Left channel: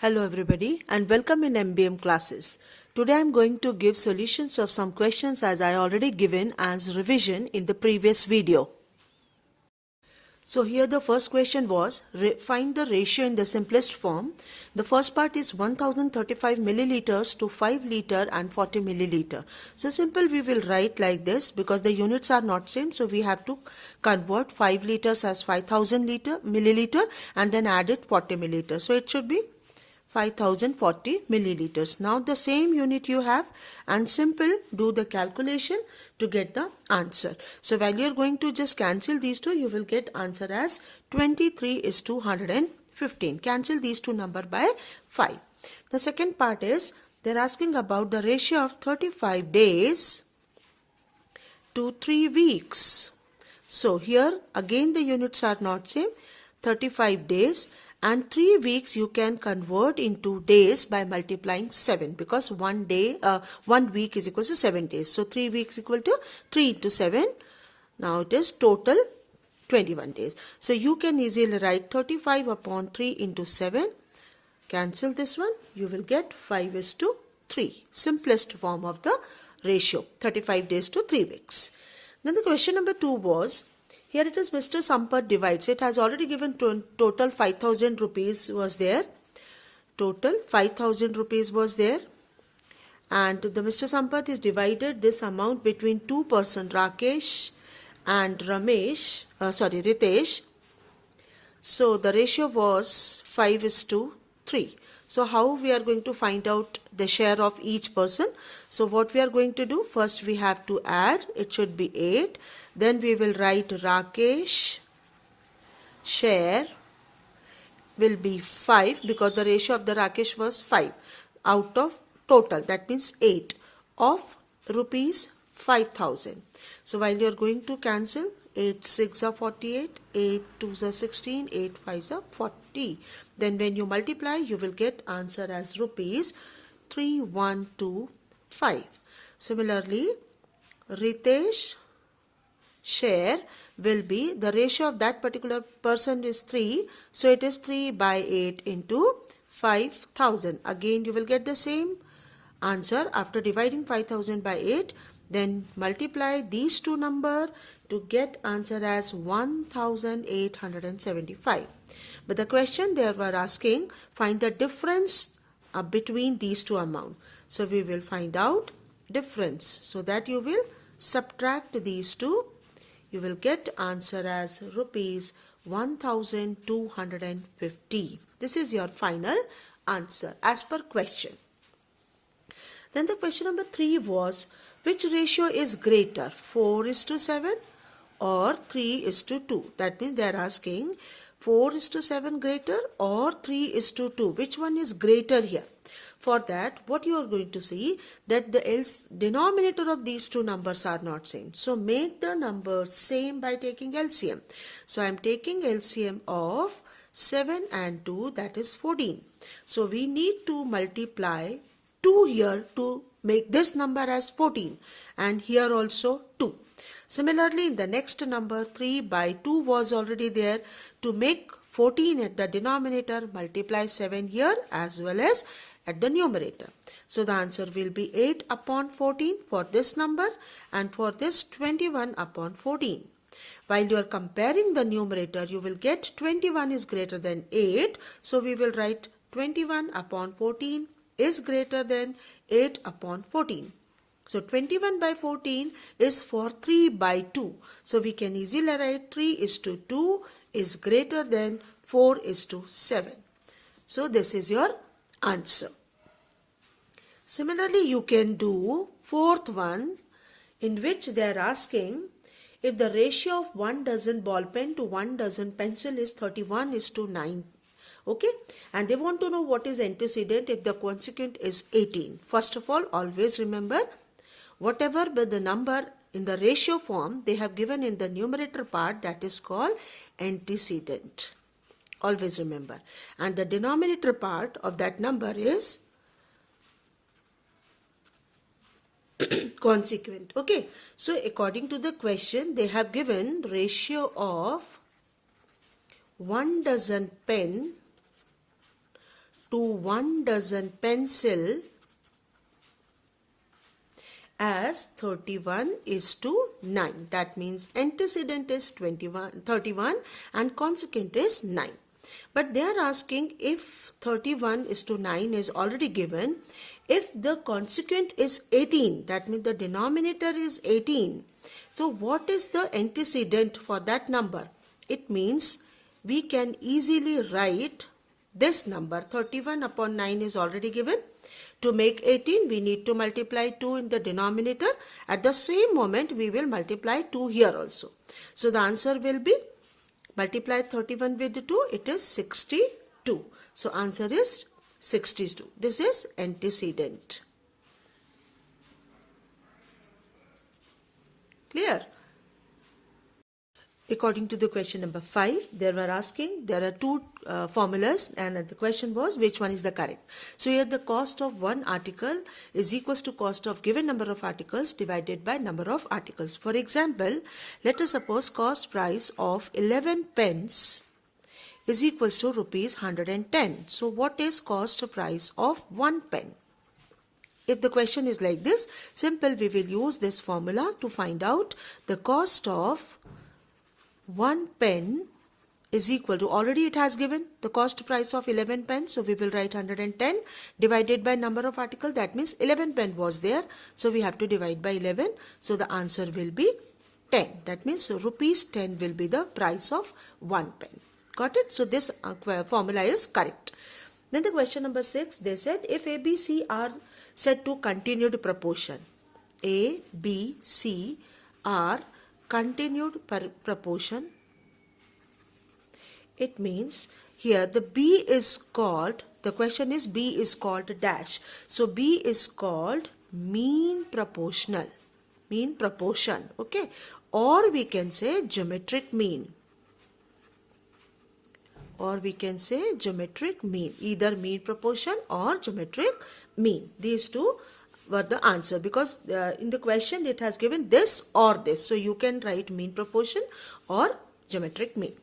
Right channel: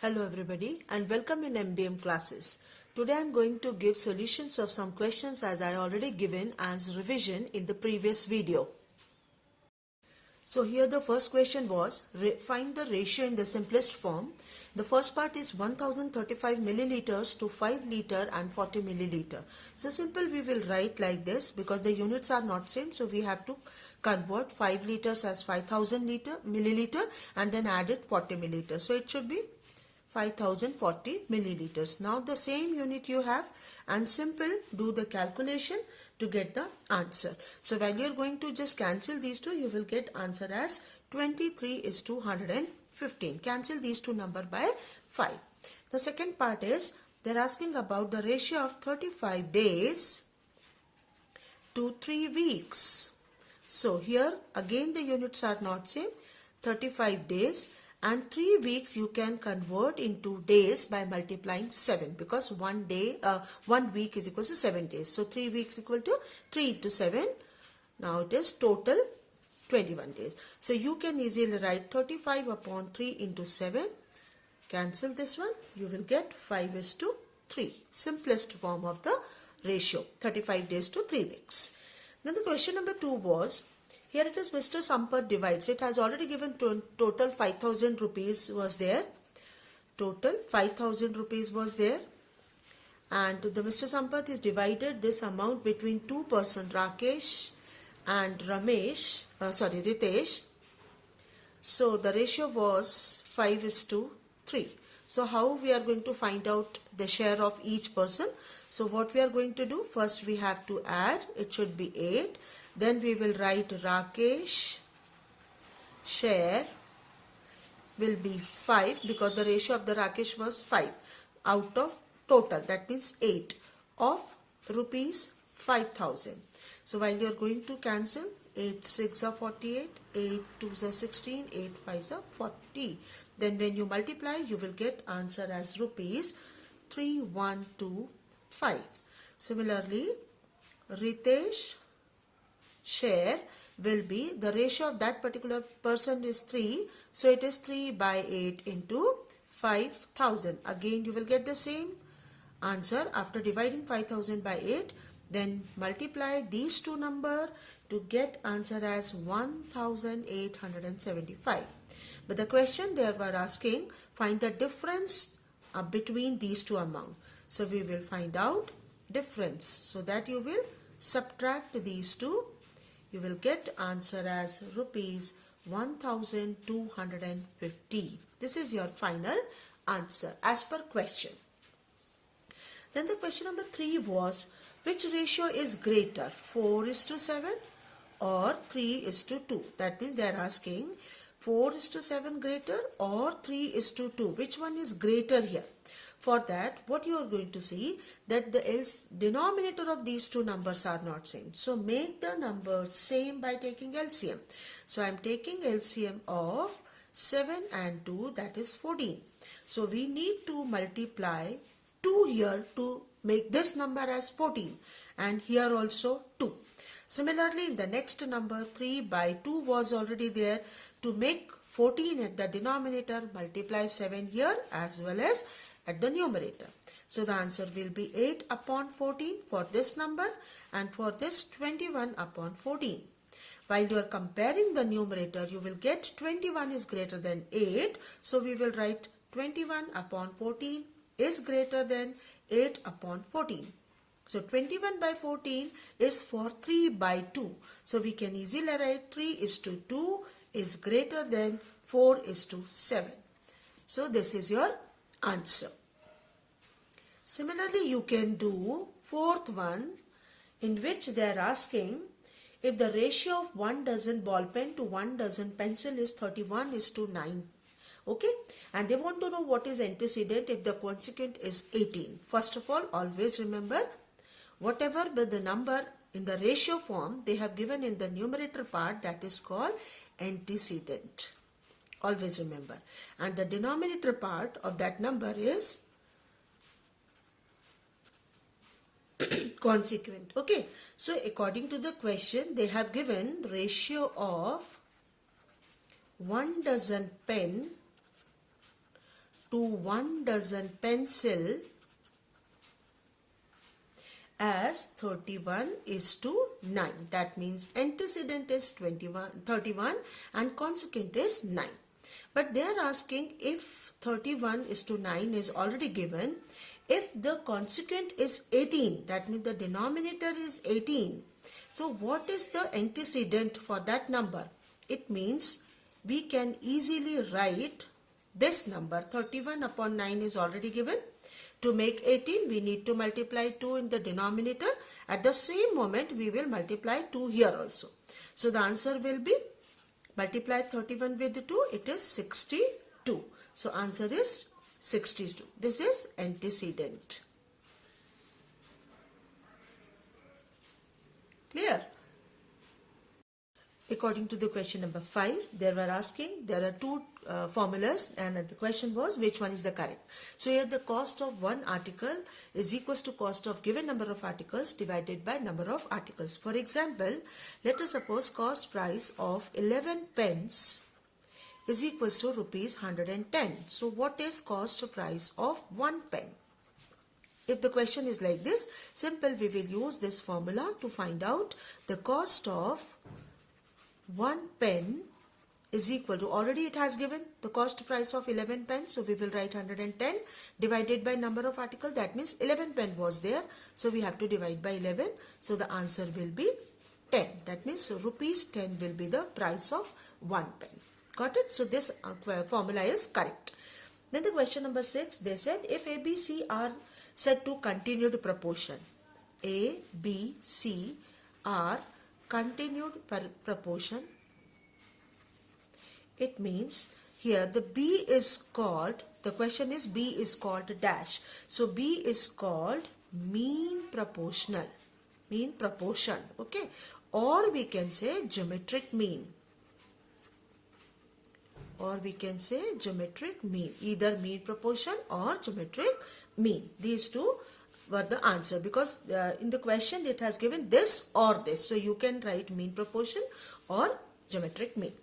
Hello everybody and welcome in MBM classes. Today I am going to give solutions of some questions as I already given as revision in the previous video. So here the first question was find the ratio in the simplest form. The first part is 1035 milliliters to 5 liter and 40 milliliter. So simple, we will write like this because the units are not same, so we have to convert 5 liters as 5000 milliliter and then add it 40 milliliter. So it should be 5040 milliliters. Now the same unit you have and simple do the calculation to get the answer. So while you are going to just cancel these two, you will get answer as 23:115. Cancel these two number by 5. The second part is they are asking about the ratio of 35 days to 3 weeks. So here again the units are not same. 35 days and 3 weeks you can convert into days by multiplying 7 because 1 week is equal to 7 days. So 3 weeks equal to 3 into 7. Now it is total 21 days. So you can easily write 35 upon 3 into 7. Cancel this one. You will get 5:3. Simplest form of the ratio. 35 days to 3 weeks. Then the question number 2 was, here it is Mr. Sampath divides. It has already given total 5000 rupees was there. Total 5000 rupees was there. And the Mr. Sampath is divided this amount between two persons, Rakesh and Ritesh. So the ratio was 5:3. So how we are going to find out the share of each person? So what we are going to do? First we have to add. It should be 8. Then we will write Rakesh share will be 5 because the ratio of the Rakesh was 5 out of total. That means 8 of rupees 5000. So while you are going to cancel, 8 6 are 48, 8 2 are 16, 8 5 are 40. Then when you multiply, you will get answer as rupees 3125. Similarly, Ritesh share will be, the ratio of that particular person is 3. So it is 3/8 into 5000. Again you will get the same answer after dividing 5000 by 8. Then multiply these two number to get answer as 1875. But the question they were asking, find the difference between these two amounts. So we will find out difference. So that you will subtract these two. You will get answer as rupees 1250. This is your final answer as per question. Then the question number 3 was, which ratio is greater, 4:7 or 3:2? That means they are asking 4:7 greater or 3:2. Which one is greater here? For that, what you are going to see that the denominator of these two numbers are not same. So make the numbers same by taking LCM. So I am taking LCM of 7 and 2, that is 14. So we need to multiply 2 here to make this number as 14 and here also 2. Similarly, in the next number 3/2 was already there. To make 14 at the denominator, multiply 7 here as well as at the numerator. So the answer will be 8 upon 14 for this number and for this 21 upon 14. While you are comparing the numerator, you will get 21 is greater than 8. So we will write 21 upon 14 is greater than 8 upon 14. So 21/14 is for 3/2. So we can easily write 3:2 is greater than 4:7. So this is your answer. Similarly, you can do fourth one, in which they are asking if the ratio of 1 dozen ball pen to 1 dozen pencil is 31:9. Okay, and they want to know what is antecedent if the consequent is 18. First of all, always remember whatever but the number in the ratio form they have given in the numerator part, that is called antecedent. Always remember. And the denominator part of that number is consequent. Okay, so according to the question, they have given ratio of 1 dozen pen to 1 dozen pencil as 31 is to 9. That means antecedent is 31 and consequent is 9. But they are asking if 31 is to 9 is already given. If the consequent is 18, that means the denominator is 18. So what is the antecedent for that number? It means we can easily write this number. 31 upon 9 is already given. To make 18, we need to multiply 2 in the denominator. At the same moment, we will multiply 2 here also. So the answer will be, multiply 31 with 2, it is 62. So answer is 62. This is antecedent. Clear? According to the question number 5, they were asking, there are two formulas and the question was which one is the correct. So here the cost of one article is equals to cost of given number of articles divided by number of articles. For example, let us suppose cost price of 11 pence is equals to rupees 110. So what is cost price of 1 pen? If the question is like this, simple, we will use this formula to find out the cost of 1 pen is equal to, already it has given the cost price of 11 pence. So we will write 110 divided by number of article. That means 11 pen was there. So we have to divide by 11. So the answer will be 10. That means rupees 10 will be the price of 1 pen. Got it? So this formula is correct. Then the question number 6, they said if A, B, C are set to continued proportion. A, B, C are continued proportion. It means here the B is called, the question is B is called dash. So B is called mean proportional, mean proportion, okay? Or we can say geometric mean. Or we can say geometric mean, either mean proportion or geometric mean. These two were the answer because in the question it has given this or this. So you can write mean proportion or geometric mean.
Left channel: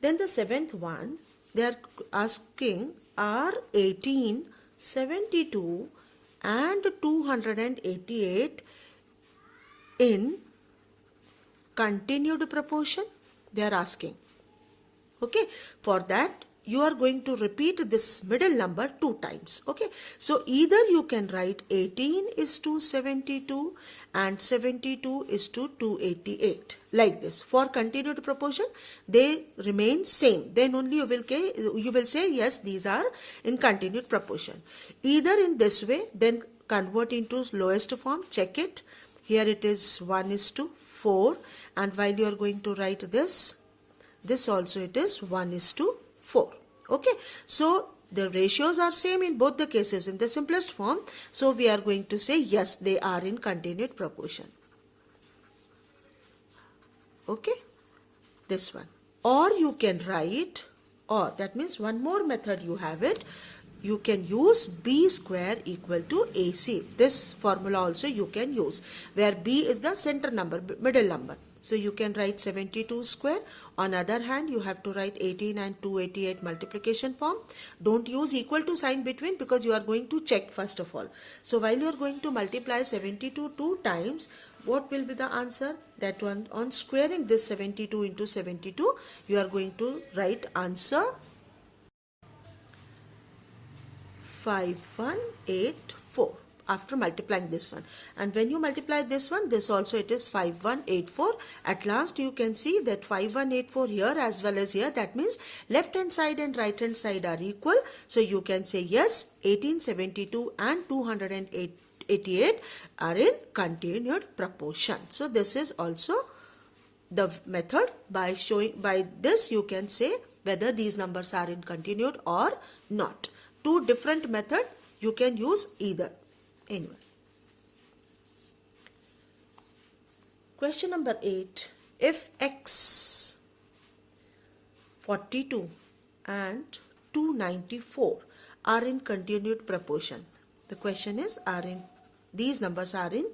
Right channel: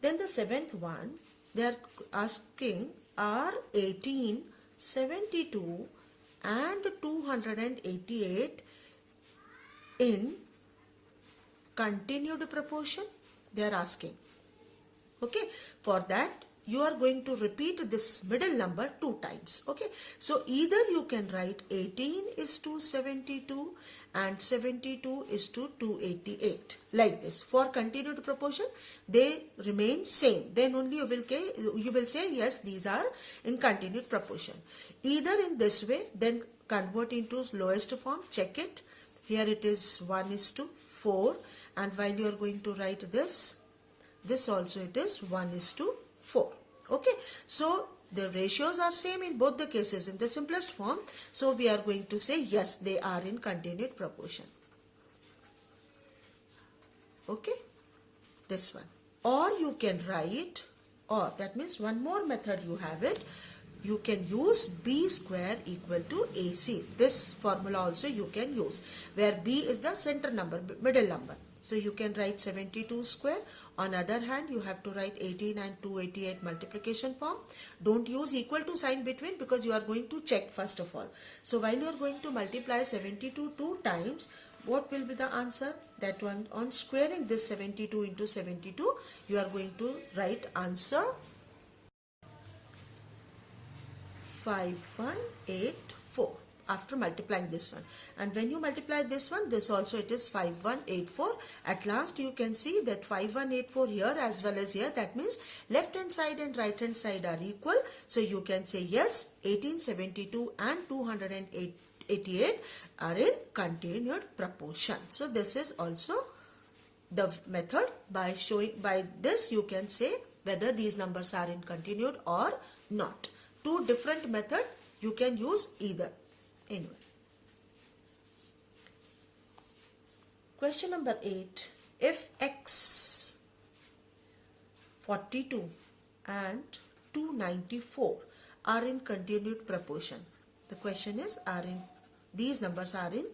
Then the 7th one, they are asking are 18, 72 and 288 in continued proportion? They are asking. Okay, for that you are going to repeat this middle number 2 times. Okay, so either you can write 18 is to 72 and 72 is to 288 like this. For continued proportion they remain same, then only you will say yes, these are in continued proportion. Either in this way, then convert into lowest form, check it. Here it is 1 is to 4 and while you are going to write this also it is 1 is to 4. Okay, so the ratios are same in both the cases in the simplest form. So we are going to say yes, they are in continued proportion. Okay, this one. Or you can write, or that means one more method you have it. You can use B square equal to AC. This formula also you can use, where B is the center number, middle number. So you can write 72 square. On other hand, you have to write 18 and 288 multiplication form. Don't use equal to sign between because you are going to check first of all. So while you are going to multiply 72 2 times, what will be the answer? That one, on squaring this 72 into 72, you are going to write answer 5184. After multiplying this one, and when you multiply this one, this also it is 5184. At last you can see that 5184 here as well as here. That means left hand side and right hand side are equal. So you can say yes, 1872 and 288 are in continued proportion. So this is also the method. By showing, by this you can say whether these numbers are in continued or not. Two different methods, you can use either. Anyway, question number 8. If x 42 and 294 are in continued proportion, the question is these numbers are in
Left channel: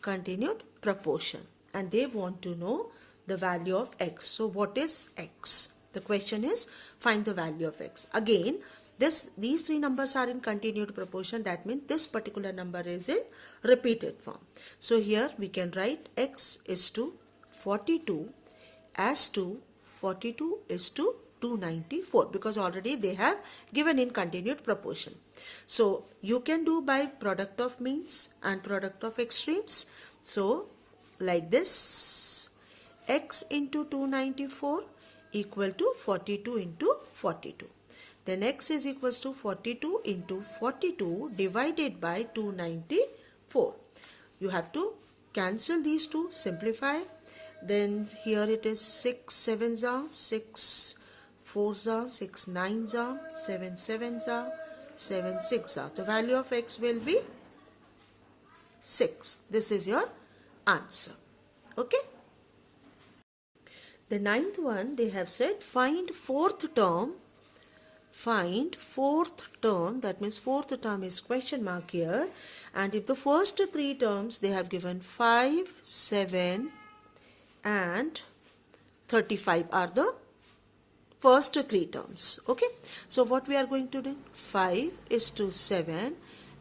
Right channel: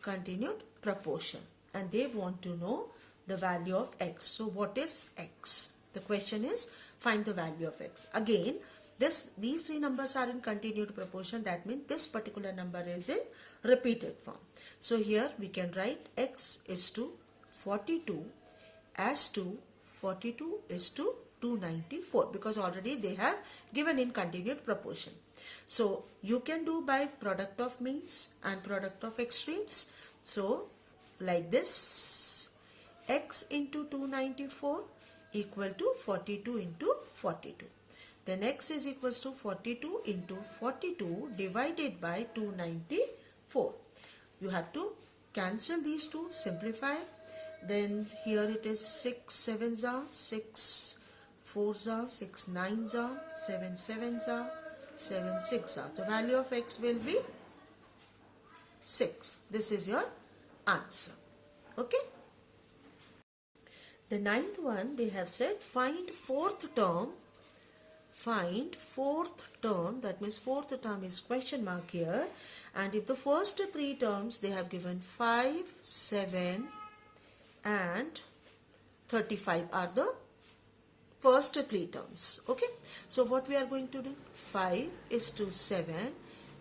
continued proportion and they want to know the value of x. So what is x? The question is find the value of x. Again, these three numbers are in continued proportion. That means this particular number is in repeated form. So here we can write x is to 42 as to 42 is to 294, because already they have given in continued proportion. So you can do by product of means and product of extremes. So like this, x into 294 equal to 42 into 42. Then x is equals to 42 into 42 divided by 294. You have to cancel these two, simplify. Then here it is 6 7s are, 6 4s are, 6 9s are, 7 7s are, 7 6s are. The value of x will be 6. This is your answer. Okay. The ninth one, they have said find fourth term. Find fourth term, that means fourth term is question mark here. And if the first three terms, they have given 5, 7 and 35 are the first three terms. Okay. So what we are going to do? 5 is to 7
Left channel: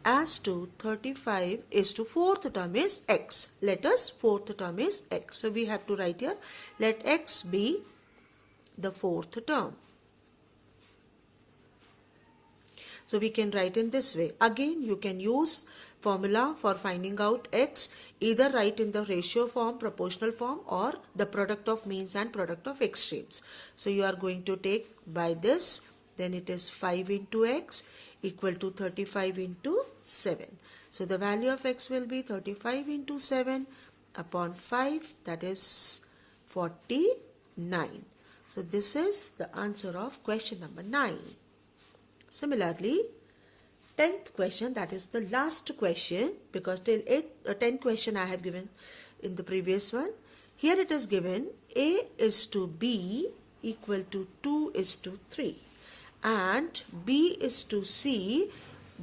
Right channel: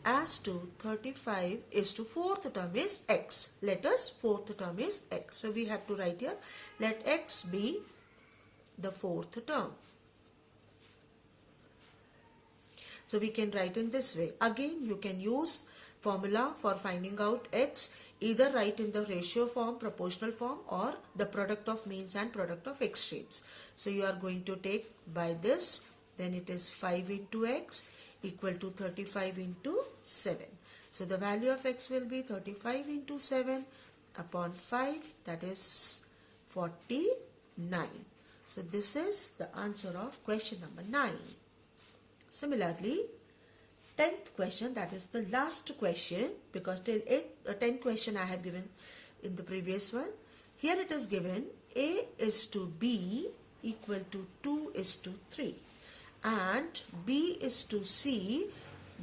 as to 35 is to fourth term is x. Let us fourth term is x. So we have to write here, let x be the fourth term. So we can write in this way. Again, you can use formula for finding out x, either write in the ratio form, proportional form, or the product of means and product of extremes. So you are going to take by this, then it is 5 into x equal to 35 into 7. So the value of x will be 35 into 7 upon 5, that is 49. So this is the answer of question number 9. Similarly, 10th question, that is the last question, because till 10th question I have given in the previous one. Here it is given a is to b equal to 2 is to 3 and b is to c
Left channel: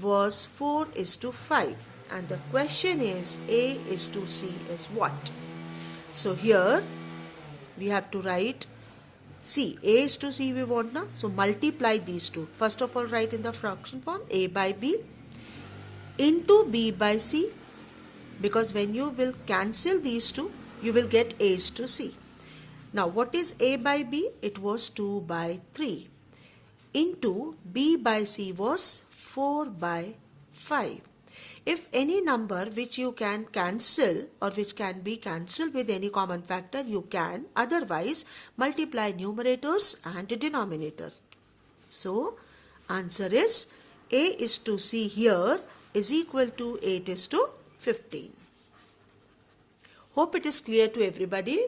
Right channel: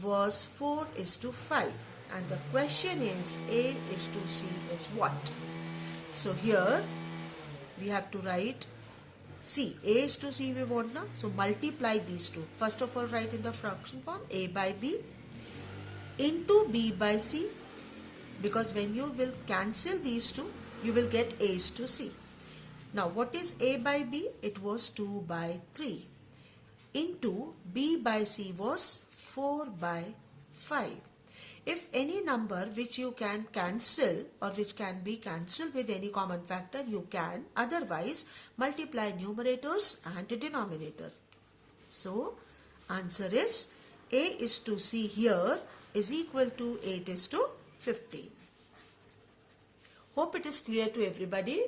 was 4 is to 5, and the question is a is to c is what? So here we have to write C. A is to C we want now. So multiply these two. First of all, write in the fraction form A by B into B by C, because when you will cancel these two, you will get A is to C. Now what is A by B? It was 2 by 3 into B by C was 4 by 5. If any number which you can cancel or which can be cancelled with any common factor, you can. Otherwise, multiply numerators and denominators. So, answer is A is to C here is equal to 8 is to 15. Hope it is clear to everybody.